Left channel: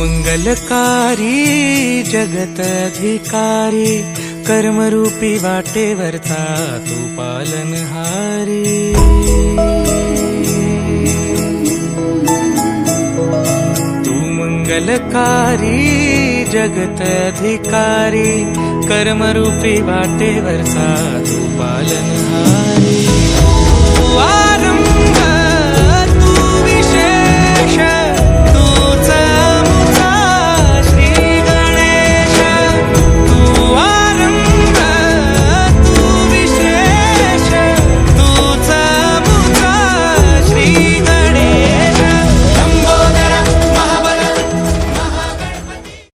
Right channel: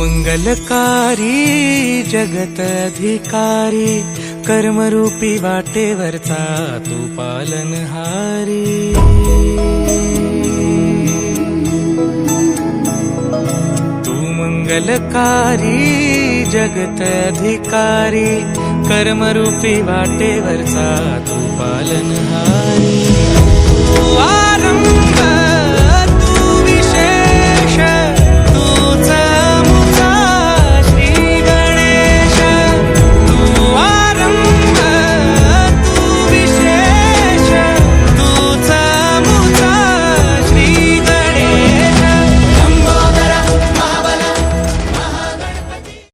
मंगलकारी जगत अधिकारी, कर्मरूपी वाटेवरचा तू पालनहारी। तू मंगलकारी जगत अधिकारी, कर्मरूपी वाटेवरचा तू पालनहारी। तू